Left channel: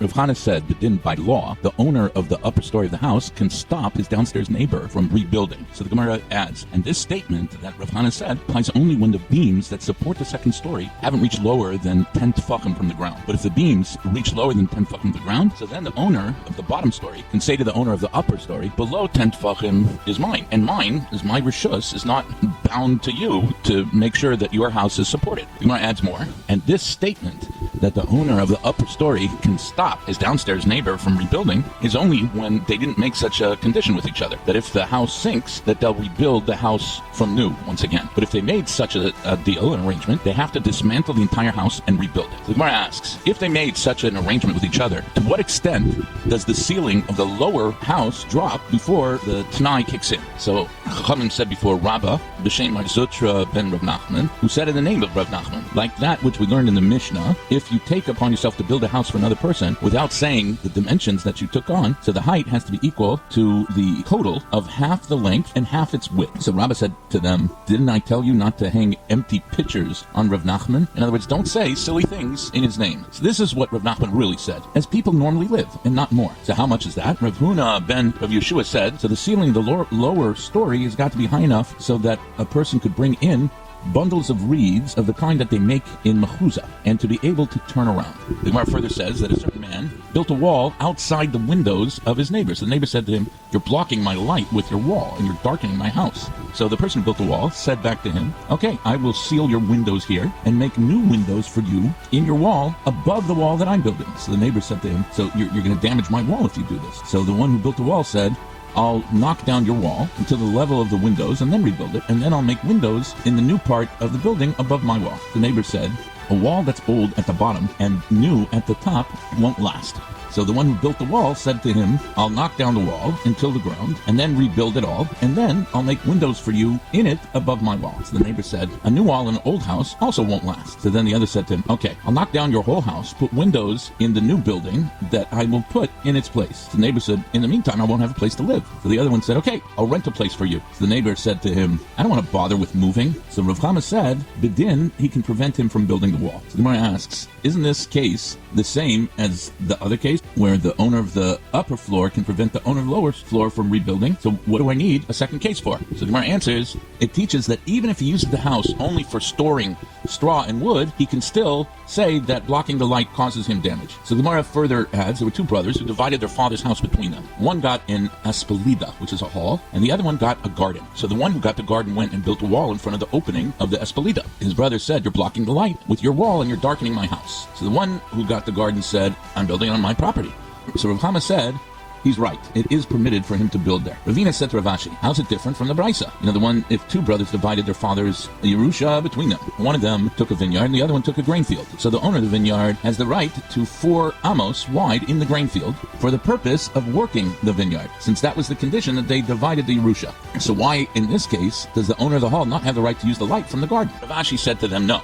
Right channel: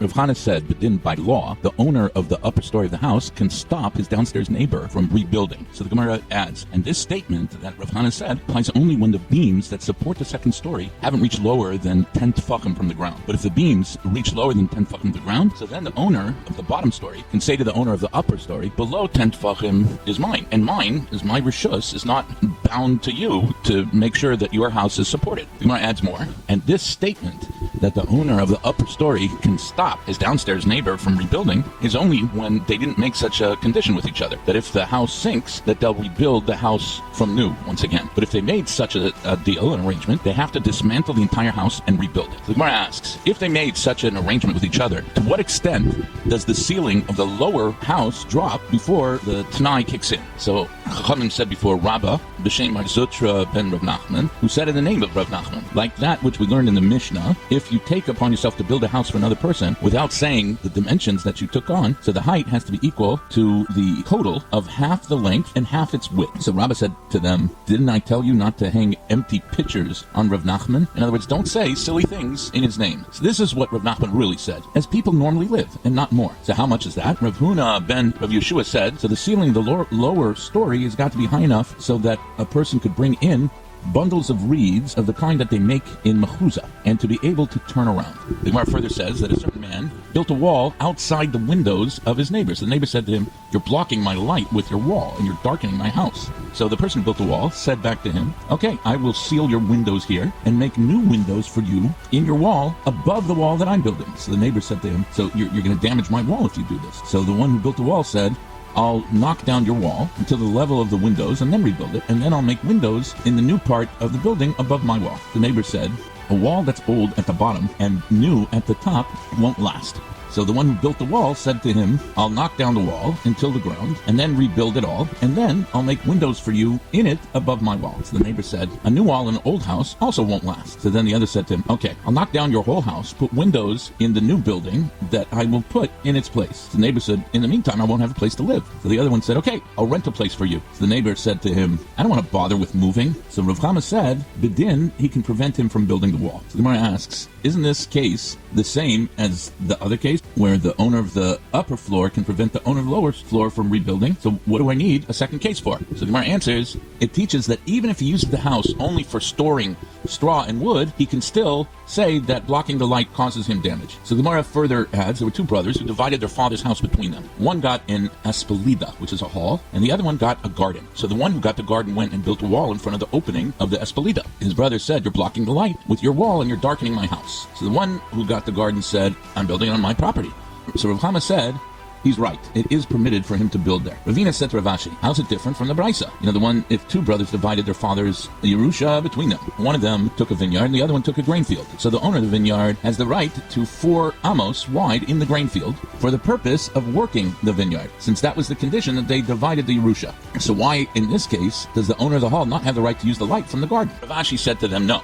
Rav Chana said that then by law, the owner of the upper story of the house can stop his downstairs neighbor from rebuilding. So the Gemara adds, and this statement that Rav Chana said applies only when the beams that support the second story haven't reached lower than 10 tefachim from the ground. But if the beams reach lower than 10 tefachim from the ground, so then the owner of the bottom story can say to the owner of the upper story, below 10 tefachim is mine, and mine is my rishus, is not bound to you to make sure that your house is supported. The Gemara adds more, and this statement that the owner of the upper story can stop his downstairs neighbor from rebuilding is only when they didn't make such a condition with each other, that if the house sinks, that they'll rebuild the house from new once again. But if they made such a deal, an arrangement, they have to dismantle the entire house and rebuild it. The Gemara asks, if they made such an arrangement with each other, to what extent does the ceiling of the lower house drop before the Tanai kicks in? So Chachamim said before, Rabbah, B'Shem Mar Zutra ben Rav Nachman, who said in the name of Rav Nachman, like that which we learned in the Mishnah, if you take upon yourself to build a house for another person without saying the dimensions that you took on, so the height has to be equal to the total of half the length and half its width. So Rabbah said to them, didn't I tell you not to hang empty pictures on Rav Nachman? In other words, don't say silly things in his name. So this is what Rav Nachman really said, as people normally live, and not more. So how much is that? Rav Huna ben Rav Yeshua said, so the ceiling, the lower story has got to be high enough so that a person could bring in bundles of reeds of the kind that they make in mechuzah, and to be able to turn around. The Gemara further says that a certain man built a wall outside the windows of his neighbors. The neighbor said to him, you're blocking my light with your wall, and you're darkening my house. So the person who built the wall said back to him, okay, I will seal your windows here and make new windows for you in your wall above the wall that I'm building. So the neighbor said to him, so you're going to damage my wall if you do this. So the one who built the wall said, I'll knock down your wall until the level of the windows and then rebuild it, and then I'll make windows in the new part of the building above my wall. The neighbor said, a wall that's old at the bottom and new at the top won't last. So the one who built the wall said to him, I'll knock down the wall until the ground and then rebuild it all, and then I'll make windows for you in it above my wall. So the neighbor said, a new wall in an old house also won't last. So then the other said to him, okay, I'll knock down your whole house, put windows in the new building that I will put in its place. The neighbor said, in the meantime, I won't have a place to live. So the other one said, okay, I'll rent a place for you. So the neighbor said to him, I don't want to bother with moving. So Rav Chama said, B'din, he can prevent him from building the wall. So the Gemara asks, isn't this case the same as the other case where the owner of the upper floor can prevent the owner of the lower floor from rebuilding? So what do I need a second case for? So the Gemara answers, it teaches that even if he uses the house only for storing straw and wood, he can still say that blocking the light causes him damage. So the Gemara further adds, there were two brothers who divided their father's house between them. One got an espelida, which is a hall, and the other one got a garden. So the one who got the garden went and built a wall in front of the opening of the espelida. His brother said, you're blocking the light with your wall and you're darkening my house. So the one who got the garden said, I'm building on my property. So Rav Chama said, he's right. It is permitted for him to build there. Ravina said to Rav Ashi, how's it different from the Brisa? The one, if two brothers divided their father's Yerusha between them. One of them took a vineyard, and the other one took a grain field. So the owner of the vineyard has the right to 4 amos wide in the grain field for the purpose of working the vineyard, since that was the condition that they divided the Yerusha. So why, in this case, does the owner of the hall not have the right to use the light from the garden? Rav Ashi said to them, no.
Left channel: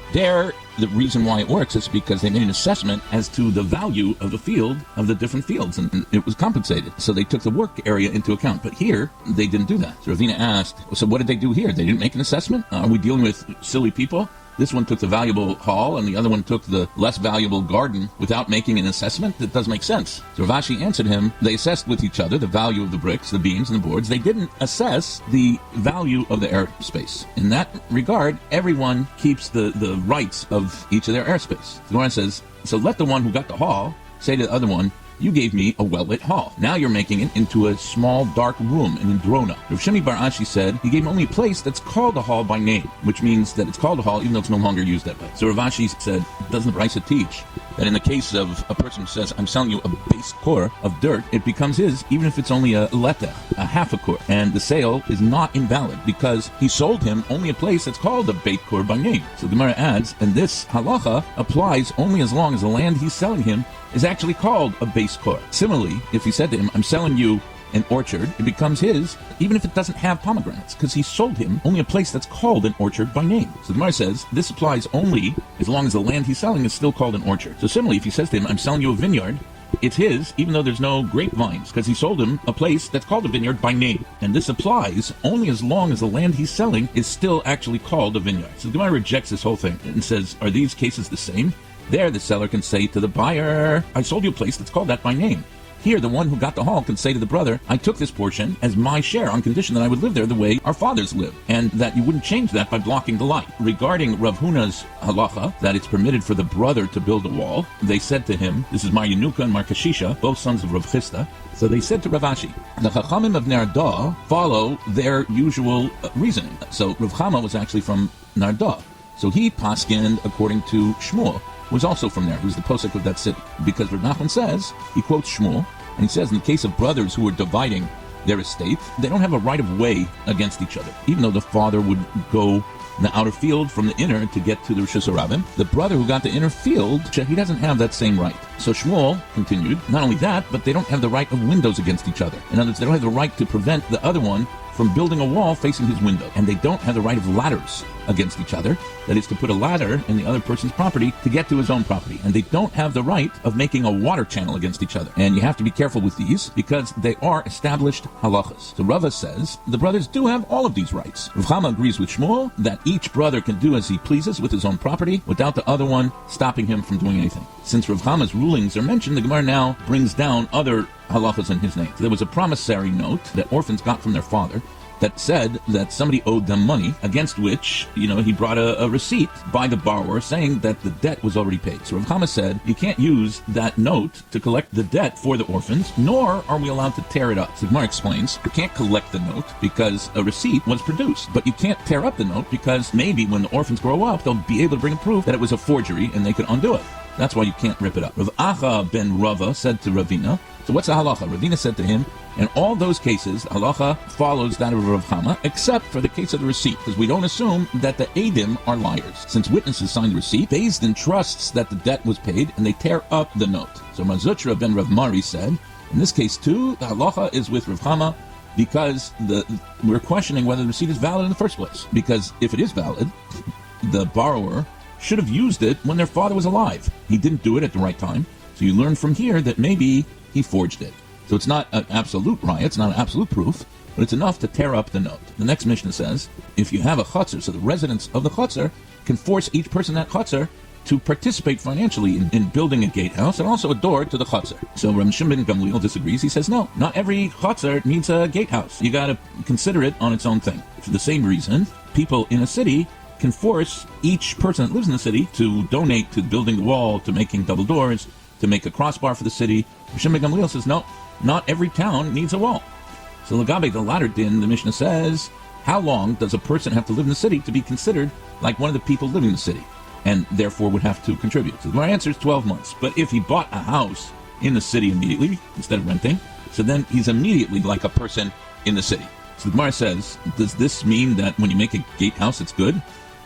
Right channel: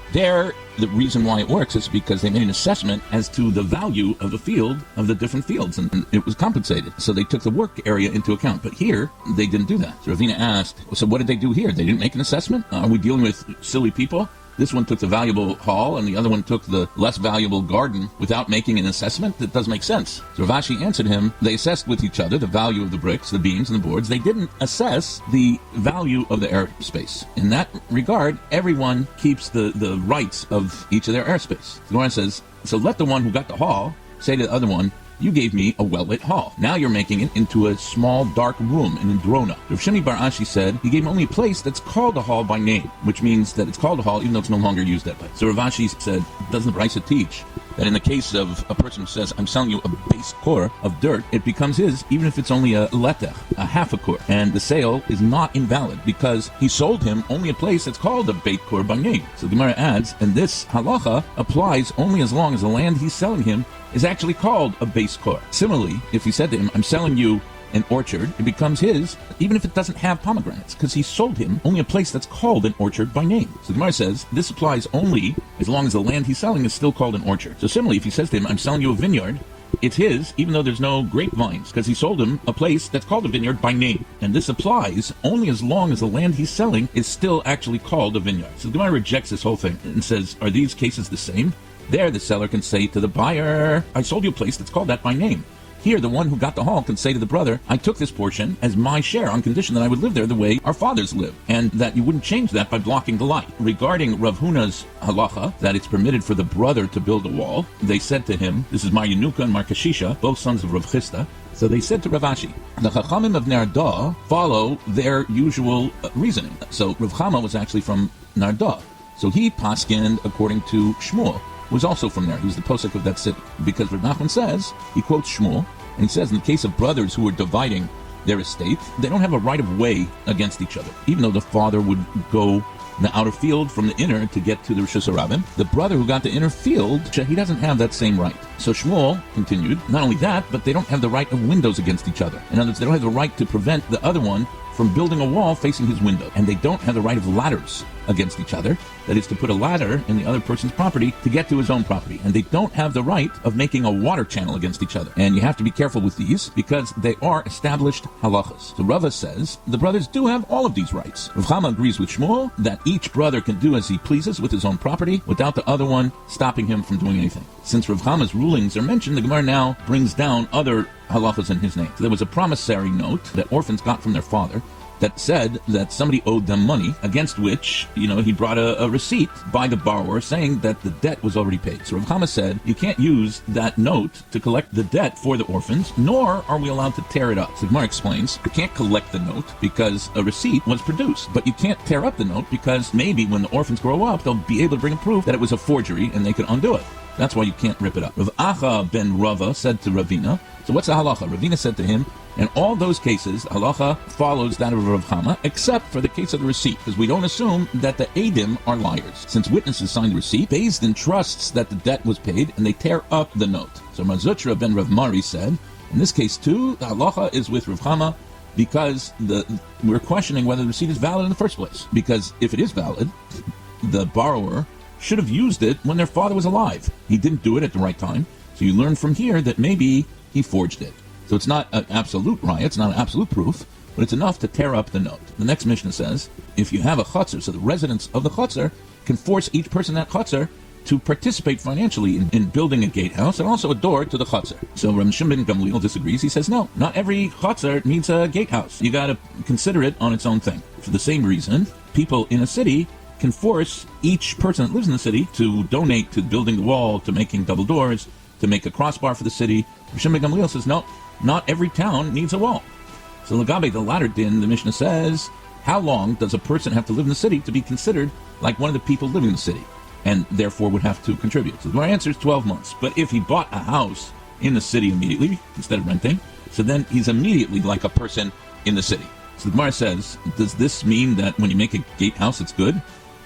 The reason why it works is because they made an assessment as to the value of the field, of the different fields, and it was compensated. So they took the work area into account. But here, they didn't do that. So Ravina asked, so what did they do here? They didn't make an assessment? Are we dealing with silly people? This one took the valuable hall, and the other one took the less valuable garden without making an assessment? That doesn't make sense. So Rav Ashi answered him, they assessed with each other the value of the bricks, the beams, and the boards. They didn't assess the value of the airspace. In that regard, everyone keeps the rights of each of their airspace. The Gemara says, so let the one who got the hall say to the other one, you gave me a well-lit hall. Now you're making it into a small, dark room in Drona. Rav Shimi Bar Ashi said, he gave only a place that's called a hall by name, which means that it's called a hall even though it's no longer used that way. So Rav Ashi said, doesn't Brisa teach that in the case of a person who says, I'm selling you a base core of dirt, it becomes his, even if it's only a leta, a half a core. And the sale is not invalid because he sold him only a place that's called a bait core by name. So the Gemara adds, and this halacha applies only as long as the land he's selling him is actually called a base core. Similarly, if he said to him, I'm selling you an orchard, it becomes his, even if it doesn't have pomegranates, because he sold him only a place that's called an orchard by name. So the Gemara says, this applies only as long as the land he's selling is still called an orchard. So similarly, if he says to him, I'm selling you a vineyard, it's his, even though there's no grapevines, because he sold him a place that's called a vineyard by name. And this applies only as long as the land he's selling is still actually called a vineyard. So the Gemara rejects this whole thing and says, are these cases the same? There, the seller can say to the buyer, I sold you a place that's called that by name. Here, the one who got the hall can say to the brother, I took this portion as my share on condition that I would live there the way our fathers lived, and that you wouldn't change that by blocking the light. Regarding Rav Huna's halacha, that it's permitted for the brother to build a wall, they said to him, this is Mar Yenuka and Mar Kashisha, both sons of Rav Chisda, so they said to Rav Ashi, the Chachamim of Nardo follow their usual reasoning. So Rav Chama was actually from Nardo. So he paskined according to Shmuel, who was also from there. He was the posek of that city. Because Rav Nachman says, he quotes Shmuel, and he says in the case of brothers who are dividing their estate, they don't have a right of way against each other. Even though the father would go the outer field from the inner to get to the Rishus HaRabim, the brother who got the inner field, he doesn't have that same right. So Shmuel continued, not only that, but they don't have the right of windows against each other. In other words, they don't have the right to prevent the other one from building a wall facing his window. And they don't have the right of ladders against each other. That is to put a ladder on the other person's property to get to his own property. And they don't have the right of making a water channel against each other. And you have to be careful with these because they are established halachas. So Rava says the brothers do have all of these rights. Rav Chama agrees with Shmuel that each brother can do as he pleases with his own property without the other one stopping him from doing anything. Since Rav Chama's rulings are mentioned, the Gemara now brings down other halachas in his name. So there was a promissory note that orphans got from their father that said that somebody owed them money, against which, he brought a receipt by the borrower saying that the debt was already paid. So Rav Chama said, you can't use that note to collect the debt for the orphans, nor are we allowed to tear it up. So Gemara explains, you can't collect the note because a receipt was produced, but you can't tear up the note because maybe when the orphans grow up, they'll be able to bring a proof that it was a forgery and they can undo it. That's why you can't rip it up. Rav Acha ben Rava said to Ravina, so what's the halacha? Ravina said to him, in all those cases, halacha follows that of Rav Chama, except for the case of the receipt, because we don't assume that the Eidim are liars. Since witnesses signed the receipt, Beis Din trusts that the debt was paid, and they tear up the note. So Mazutra ben Rav Mari said, in this case too, the halacha is with Rav Chama, because we're questioning whether the receipt is valid in the first place. Because if it is valid, the borrower should have used it when their father was alive. He didn't do it at the right time, so you learn from here that maybe he forged it. So it's not an absolute right, it's not an absolute proof, but it's enough to tear up the note. The next Mishnah says, if you have a chutzner, so the residents of the chutzner can force each person in that chutzner to participate financially in building a gatehouse and also a door to the chutzner. So Rav Shimon ben Gamliel disagrees. He says, no, not every chutzner needs a gatehouse. You got to consider it on its own thing. For the same reason, people in a city can force each person that lives in the city to donate to building the wall, to making double doors, to make a crossbar for the city. Rav Shimon ben Gamliel says, no, not every town needs a wall. So Lagabi, the latter din, the Mishnah says, how long does a person have to live in the city to be considered like one of the people living in the city, and therefore would have to contribute? So my answer is 12 months. But if he bought a house in the city immediately, instead of renting, so then he's immediately like a person in the city. So the Gemara says, does this mean that when you make a gatehouse, it's good?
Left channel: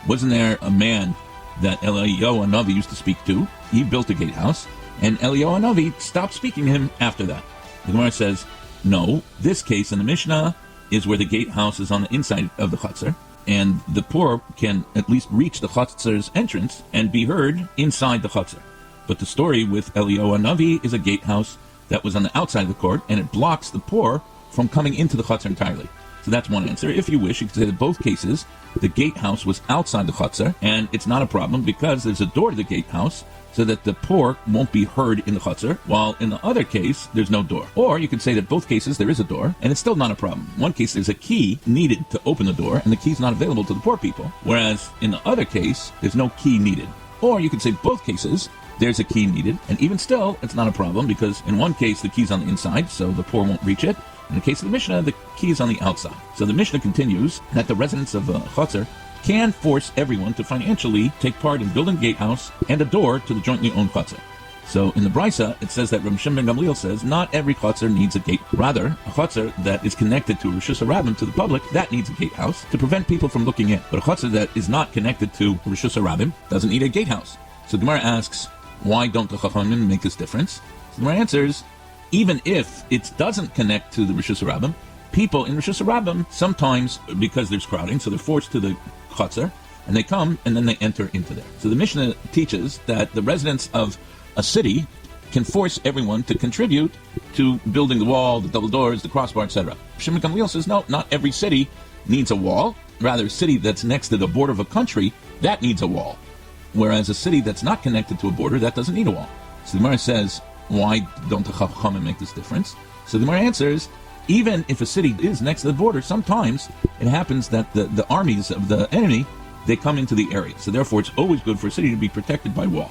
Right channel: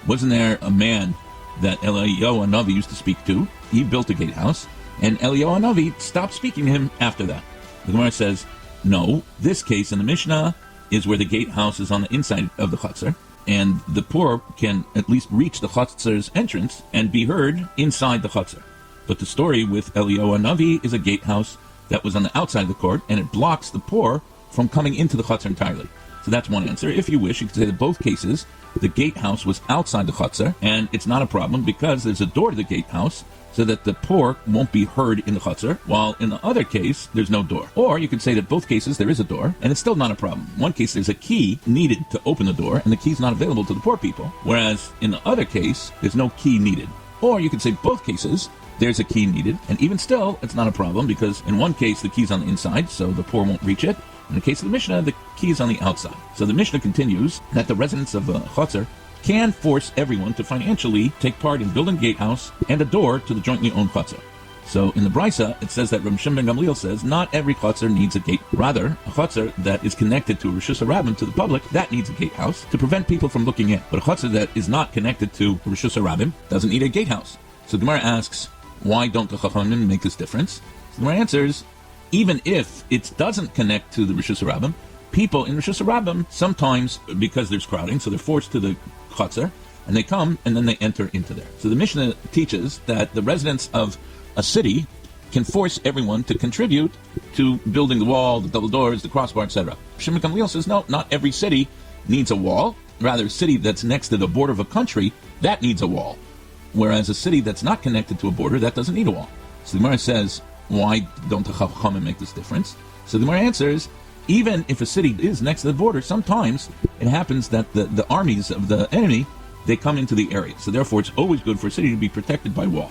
Wasn't there a man that Eliyahu Hanavi used to speak to? He built a gatehouse, and Eliyahu Hanavi stopped speaking to him after that. The Gemara says, no, this case in the Mishnah is where the gatehouse is on the inside of the chutzner, and the poor can at least reach the chutzner's entrance and be heard inside the chutzner. But the story with Eliyahu Hanavi is a gatehouse that was on the outside of the court, and it blocks the poor from coming into the chutzner entirely. So that's one answer. If you wish, you can say in both cases, the gatehouse was outside the chutzner, and it's not a problem because there's a door to the gatehouse, so that the poor won't be heard in the chutzner, while in the other case, there's no door. Or you could say that both cases, there is a door, and it's still not a problem. In one case, there's a key needed to open the door, and the key is not available to the poor people, whereas in the other case, there's no key needed. Or you could say both cases, there's a key needed, and even still, it's not a problem, because in one case, the key's on the inside, so the poor won't reach it. In the case of the Mishnah, the key is on the outside. So the Mishnah continues that the residents of chutzner can force everyone to financially take part in building a gatehouse and a door to the jointly owned chutzner. So in the Brisa, it says that Rav Shimon ben Gamliel says not every chutzner needs a gate. Rather, a chutzner that is connected to Rishus HaRabim, to the public, that needs a gatehouse to prevent people from looking in. But a chutzner that is not connected to Rishus HaRabim doesn't need a gatehouse. So Gemara asks, why don't the Chachamim make this difference? So my answer is, even if it doesn't connect to the Rishus HaRabim, people in Rishus HaRabim sometimes, because there's crowding, so they're forced to the chutzner, and they come and then they enter into there. So the Mishnah teaches that the residents of a city can force everyone to contribute to building the wall, the double doors, the crossbar, etc. Shimon Gamliel says, no, not every city needs a wall. Rather, a city that's next to the border of a country, that needs a wall. whereas a city that's not connected to a border, that doesn't need a wall. So the Gemara says, why don't the Chachamim make this difference? So the Gemara answers, even if a city is next to the border, sometimes it happens that the armies of the enemy, they come into the area. So therefore, it's always good for a city to be protected by wall.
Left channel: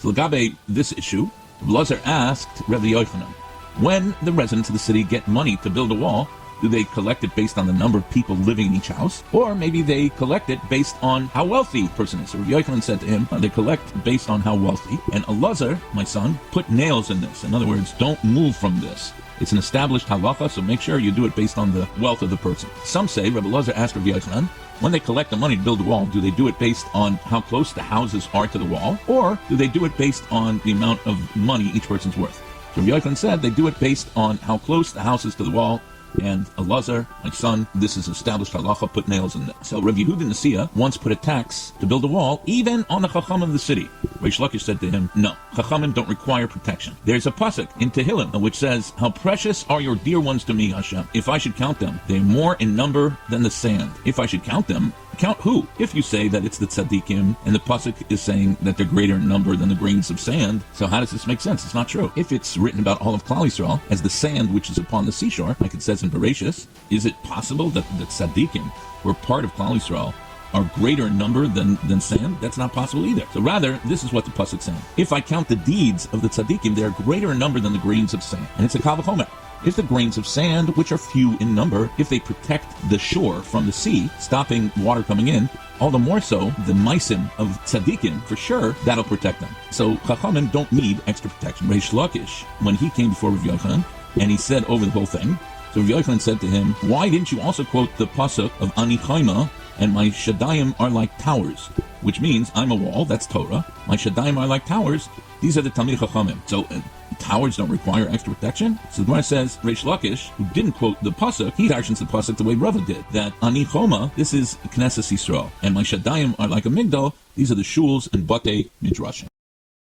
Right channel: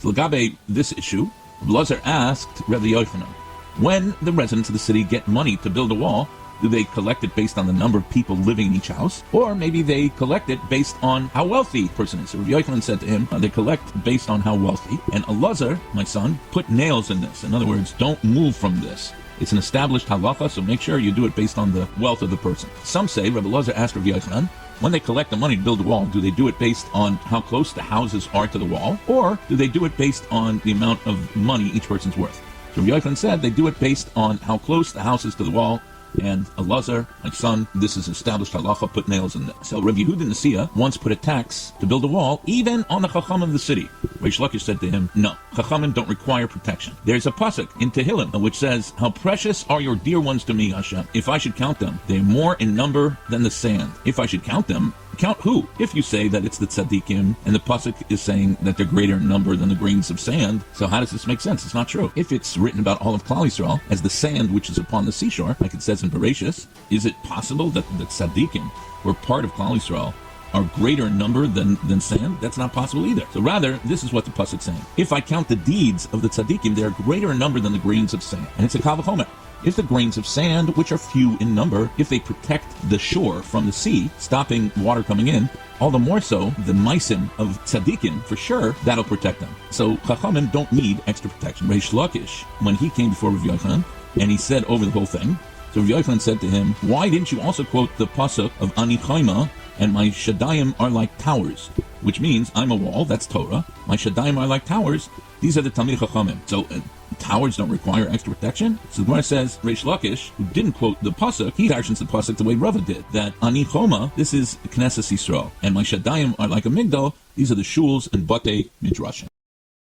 So Lagabe, this issue, Blazer asked Rabbi Yochanan, when the residents of the city get money to build a wall, do they collect it based on the number of people living in each house? Or maybe they collect it based on how wealthy a person is. So Rabbi Yochanan said to him, I collect based on how wealthy. And Elazar, my son, put nails in this. In other words, don't move from this. It's an established halacha, so make sure you do it based on the wealth of the person. Some say, Rabbi Elazar asked Rabbi Yochanan, when they collect the money to build the wall, do they do it based on how close the houses are to the wall? Or do they do it based on the amount of money each person's worth? So Rabbi Yochanan said they do it based on how close the house is to the wall. And Elazar, my son, this is established halacha, put nails in it. So Rabbi Yehuda Nasiya once put a tax to build a wall, even on the Chacham of the city. Reish Lakish said to him, no, Chachamim don't require protection. There's a pasuk in Tehillim which says, how precious are your dear ones to me, Hashem. If I should count them, they're more in number than the sand. If I should count them, count who? If you say that it's the tzaddikim, then the pasuk is saying that they're greater in number than the grains of sand. So how does this make sense? It's not true. If it's written about all of Klal Yisrael as the sand which is upon the seashore, like it says in Bereshis, is it possible that the tzaddikim, who are part of Klal Yisrael, are greater in number than sand? That's not possible either. So rather, this is what the pasuk is saying. If I count the deeds of the tzaddikim, they are greater in number than the grains of sand. And it's a kal v'chomer. If the grains of sand, which are few in number, if they protect the shore from the sea, stopping water coming in, all the more so, the maisim of tzaddikim, for sure, that'll protect them. So Chachamim don't need extra protection. Reish Lakish, when he came before Rabbi Yochanan, and he said over the whole thing, so Rabbi Yochanan said to him, why didn't you also quote the pasuk of Ani Chayma, and my shadayim are like towers? Which means, I'm a wall, that's Torah, my shadayim are like towers, these are the Talmidei Chachamim. So towers don't require extra protection? So the Gemara says, Reish Lakish, who didn't quote the pasuk, he mentions the pasuk the way Rava did, that Ani Choma, this is Knesset Yisrael, and my shadayim are like a migdal, these are the shuls and batei midrashim.